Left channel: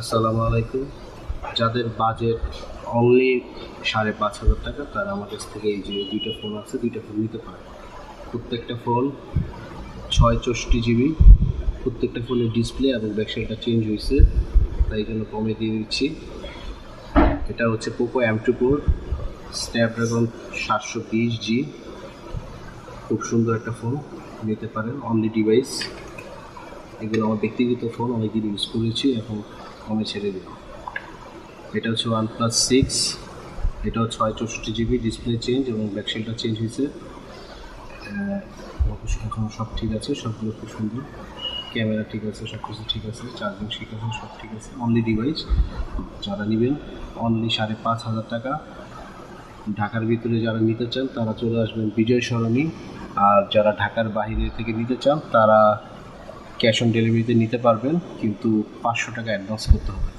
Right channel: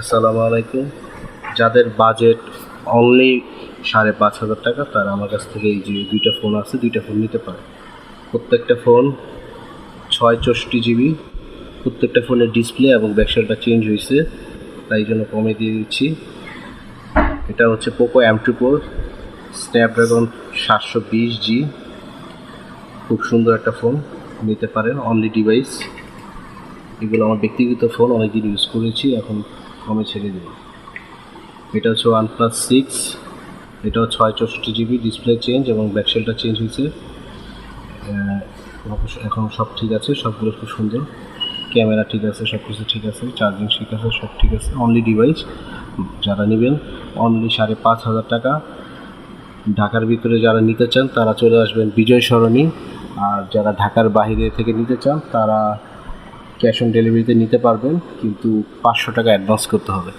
আসসালামু আলাইকুম। যাদের বাজেট অনলি ৫,৫০০ টাকা তারা আমার কাছ থেকে এই যে ২টা ফোন আছে, ২টা ফোন নিতে পারে। প্রত্যেকটা ফোন ৬৪ জিবি। প্রত্যেকটা ফোনের ডিসপ্লে এবং ব্যাকসাইডটা চেঞ্জ হয়েছে, তাই জন্য কমে দিয়ে দিচ্ছি। এটা হচ্ছে পোকো M2 Pro স্ন্যাপড্রাগন ৭২০G। খুব সুন্দর একটা ফোন, নিতে পারেন অনলি ডিভাইস। এগুলো আমার ব্যক্তিগত ফোন, অনেকদিন ইউজ করেছি, এখন কমে ছেড়ে দেব। এটা হচ্ছে OnePlus 6। এটাও ৬৪ জিবি, ডিসপ্লে চেঞ্জ এবং ব্যাকসেলটা চেঞ্জ হয়েছে। এখন সব ঠিক আছে, সবগুলো খুব সুন্দর, ক্যামেরা ঠিক আছে, সব কিছু ঠিক আছে, চার্জিং ঠিক আছে, সব ঠিক আছে। অনলি ডিভাইস যারা নেবেন অনলি ৫,৫০০ টাকা। ঢাকার ভিতরে যারা নিতে চান তারা চলে আসবেন বিজয় সরণি, আর যারা ঢাকার বাইরে থেকে নিতে চান তারা ক্যাশ অন ডেলিভারিতে নিতে পারবেন, কিন্তু ৫০০ টাকা অ্যাডভান্স করতে হবে।